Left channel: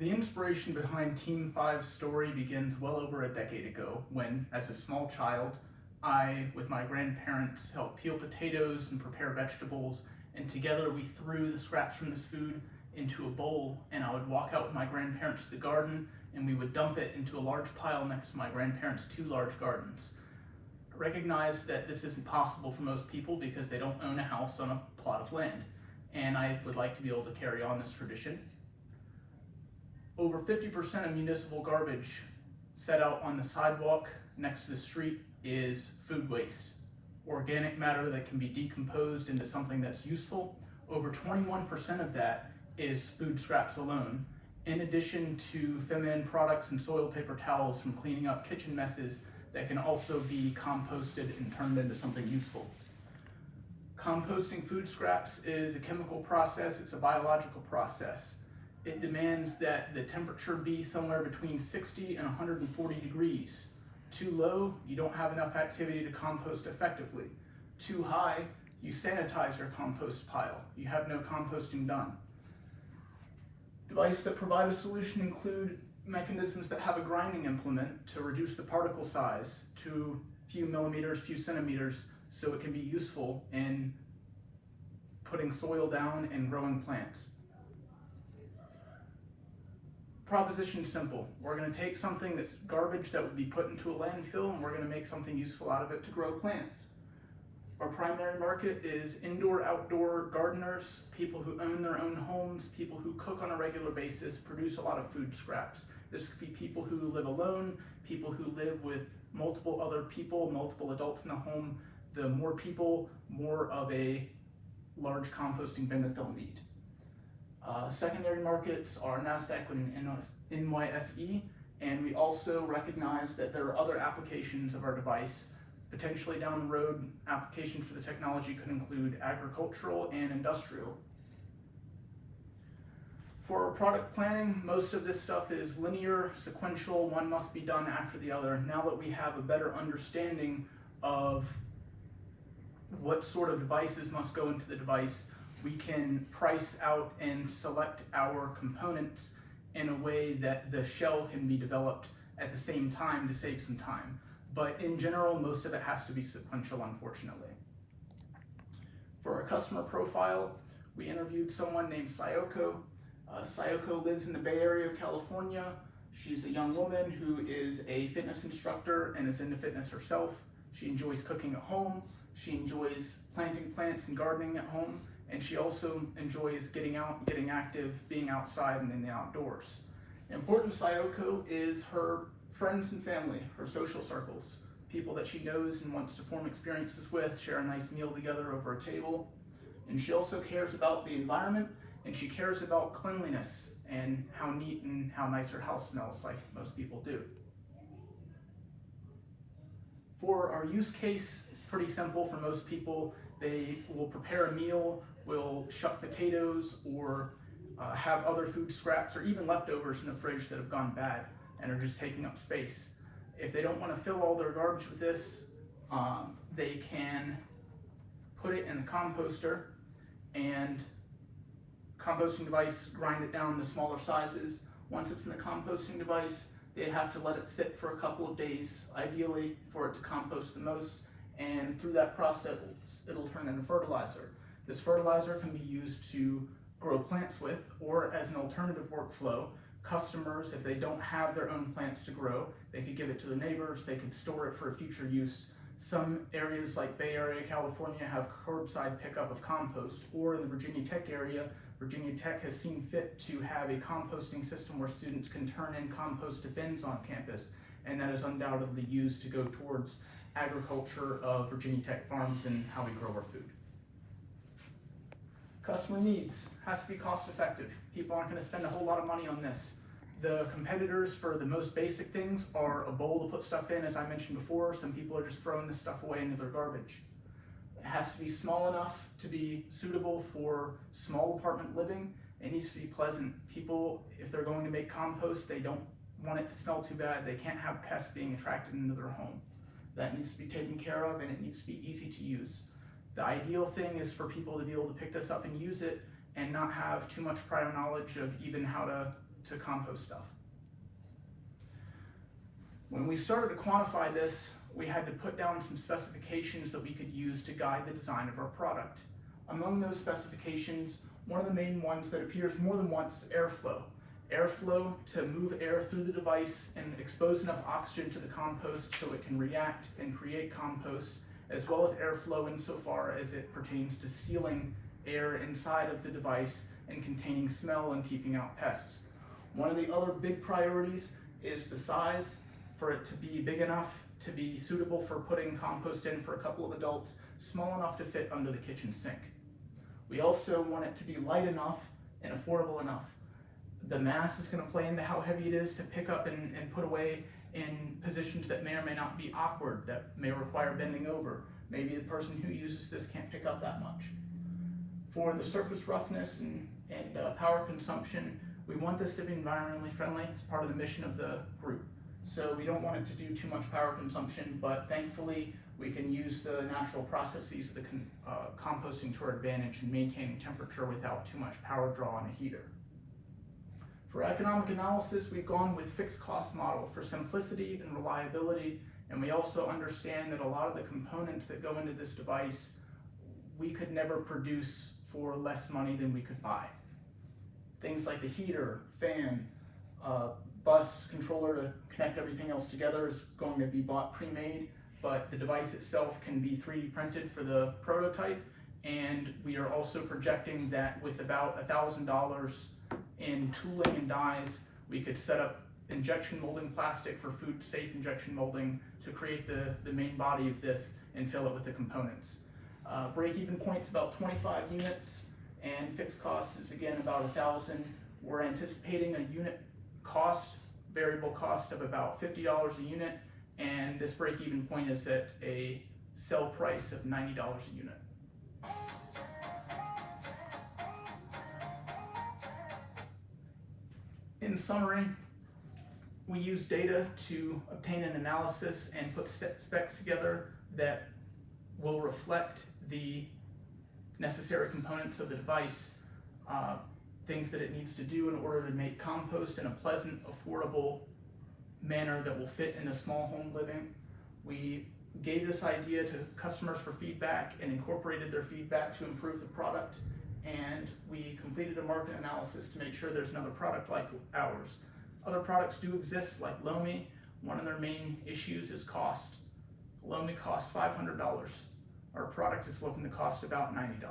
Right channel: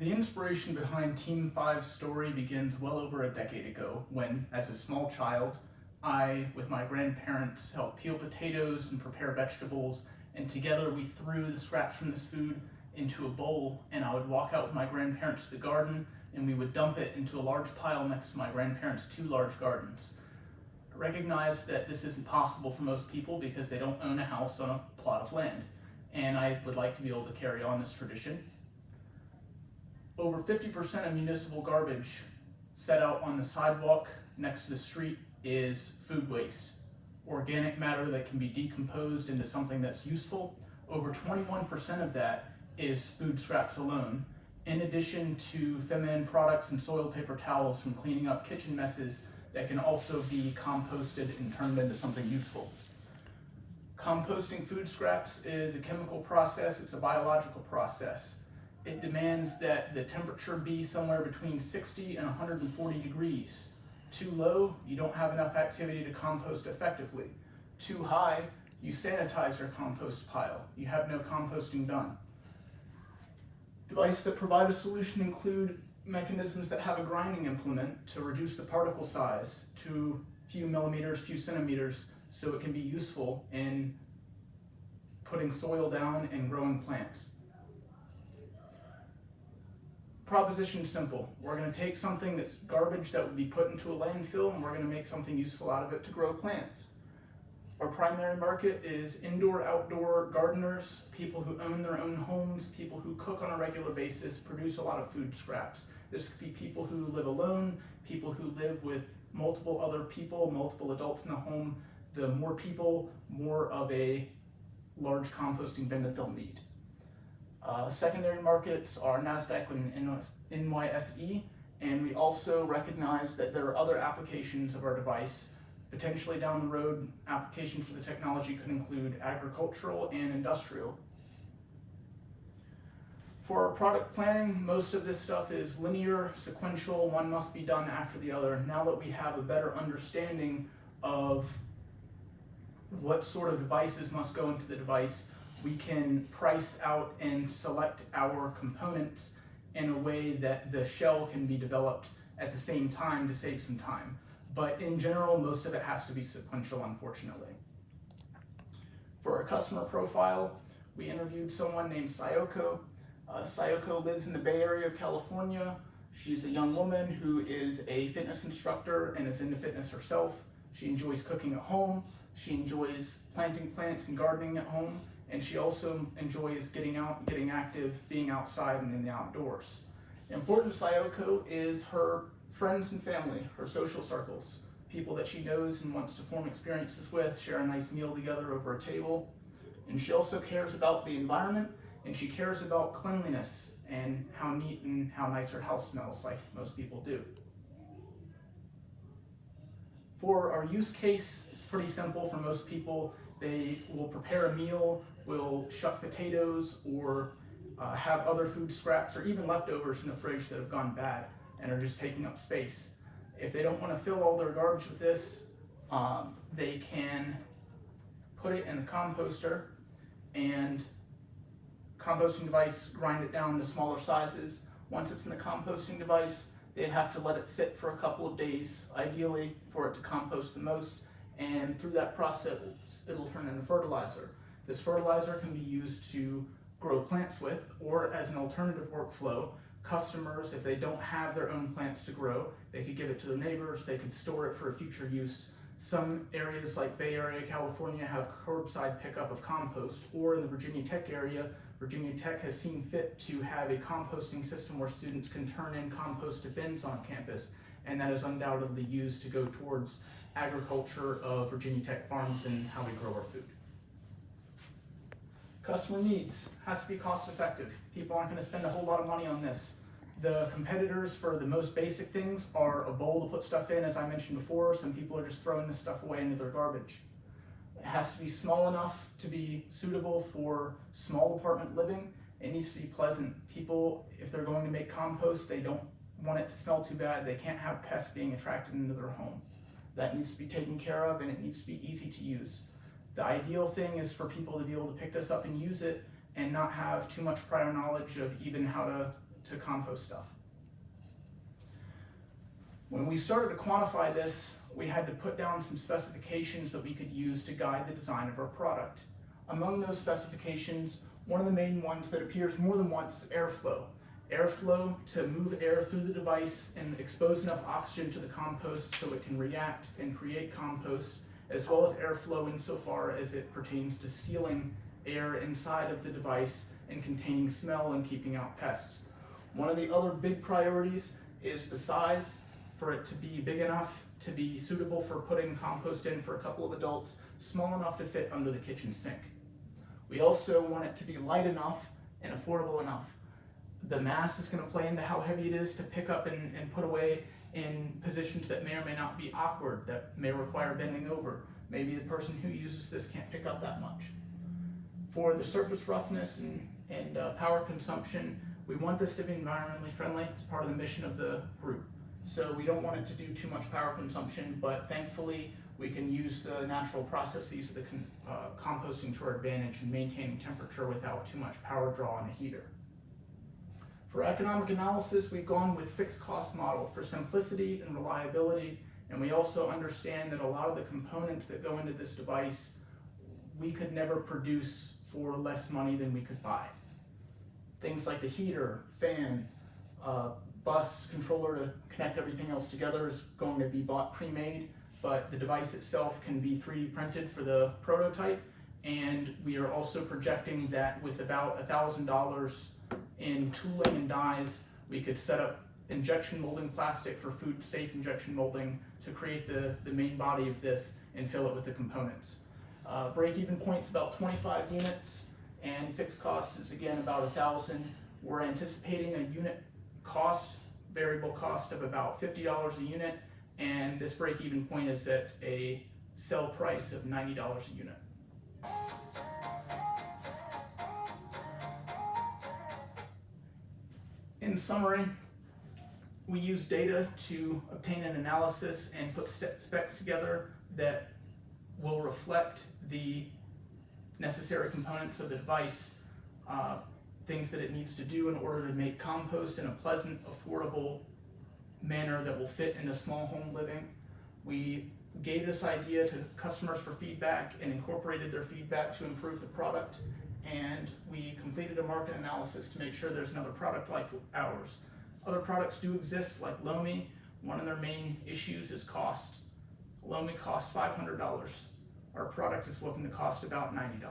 The inspiration behind Team 5's story begins well over a decade ago when, as a small child, I, with my grandparents, helped peel potatoes and prepare vegetables, and together we threw the scraps from this food into a bowl, and I would walk out with my grandparents to the garden, and we would dump it into a large pile next to my grandparents' two large gardens. I recognize that this isn't possible for most people because they don't own a house on a plot of land, and I would like to be able to carry on this tradition. Over 50% of municipal garbage set out on the sidewalk next to the street is food waste, organic matter that can be decomposed into something that's useful. Over 21% of that is food scraps alone, in addition to feminine products and soiled paper towels from cleaning up kitchen messes that can also be composted and turned into something useful. Composting food scraps is a chemical process, it's a biological process. It demands that the temperature be somewhere between 60 and 140 degrees. Too low, you don't have enough activity to compost effectively. Too high, you sanitize your compost pile. You have no composting done. Devices that provide a solution include mechanisms that have a grinding implement to reduce the particle size to a few millimeters, few centimeters, so it can be useful in putting soil down and growing plants. Proposition's simple. We're going to take something that's garbage that would be put into a landfill, and we're going to make something useful out of it to grow plants. Our primary market is indoor-outdoor gardeners, people who own their own homes, people who cook on a regular basis, produce a lot of food scraps. This could be people who live alone, people who live with multiple other people, multiple adults in the home. The more people, more of a large composting bin that they'll need. Secondary markets are NASDAQ and NYSE, and we also recognize that there are other applications of our device. Potentially down the road, applications for the technology could include agricultural and industrial. For our product planning, most of this stuff is linear, sequential, one must be done after the other. Now that we have a better understanding of what sort of devices must go into the device, we can price out and select our components in a way that the shell can be developed at the same time to save some time. But in general, most of it has to be sequential, unfortunately. For our customer profile, we interviewed someone named Sayoko. Sayoko lives in the Bay Area of California. She's a young woman who is a fitness instructor and is into fitness herself. She enjoys cooking at home. She enjoys planting plants and gardening at home. And she also enjoys getting out, getting active, being outside and in the outdoors. Important to Sayoko is her friends and family, her social circles, people that she knows and wants to form experiences with, share a nice meal together over a table. And she also cares about the environment, and she cares about cleanliness and how neat and how nice her house smells, like most people do. For our use case, it's pretty simple for most people. They will prepare a meal, will shuck potatoes, or have other food scraps or even leftovers in the fridge that have gone bad and are just taking up space. If they don't want to fill all their garbage with this, they can put it in the composter and composting device, grind it down to smaller sizes. Once it's in the composting device, they have to let it sit for a couple of days, ideally for it to compost the most, and through that process, it'll turn into fertilizer. This fertilizer can be used to grow plants with, or as an alternative workflow, customers, if they don't have their own plants to grow, they could give it to their neighbors, they could store it for future use. Some areas like Bay Area, California have curbside pickup of compost, or in the Virginia Tech area, Virginia Tech has seen fit to have a composting system where students can turn in compost to bins on campus, and that is undoubtedly used to go towards agriculture of Virginia Tech farms and how we grow our food. Customer needs has to be cost effective. People aren't going to spend a whole lot of money on this. The competitors for the most basic things are a bowl to put stuff in, as I mentioned before. Some people are just throwing this stuff away into their garbage. It has to be small enough to be suitable for small apartment living. It needs to be pleasant. People, if they're going to make compost, they don't want it to smell too bad. They can't have pests being attracted into their home. That needs to be taken care of, and it needs to be easy to use. The ideal thing is for people to be able to pick this up and use it and not have too much prior knowledge of even how to to compost stuff. When we started to quantify this, we had to put down some specifications that we could use to guide the design of our product. Among those specifications, one of the main ones that appears more than once is airflow. Airflow to move air through the device and expose enough oxygen to the compost so it can react and create compost, as well as airflow insofar as it pertains to sealing air inside of the device and containing smell and keeping out pests. One of the other big priorities is the size, for it to be big enough to be suitable for putting compost in for a couple of adults, small enough to fit under the kitchen sink. We also want it to be light enough and affordable enough. The mass is going to play into how heavy it is to pick up and put away in positions that may or may not be awkward, that may require bending over. Maybe the person who uses this can't pick up that much. For the surface roughness and power consumption, we want this to be environmentally friendly. It's part of the mission of the group. So we don't want it to do too much power consumption, but thankfully we can use the natural processes of the composting to our advantage in maintaining temperature without too much power draw on a heater. For economic analysis, we've gone with fixed cost model for simplicity and reliability, and we also understand that a lot of the components that go into this device we could never produce for less money than we could buy. Things like the heater, fan, bus controller to connect everything else together is going to be bought pre-made, but the device itself can be 3D printed for the prototype, and we are also projecting that with about $1,000 in tooling and dies, we could set up injection molding plastic for food safe injection molding to create the main body of this and fill it with the components. Break-even point's about 25 units, and fixed cost is again about 1,000. We're anticipating a unit cost, variable cost of about $50 a unit, and this break-even point is at a sell price of $90 a unit. In summary, we use data to obtain an analysis and put specs together that will reflect the necessary components of the device, things that it needs to do in order to make compost in a pleasant, affordable manner that will fit in a small home living. We gave this idea to customers for feedback and incorporated their feedback to improve the product, and we completed a market analysis to make sure there's another product like ours. Other products do exist, like Lomi. One of their main issues is cost. Lomi costs $500. Our product is looking to cost about $90.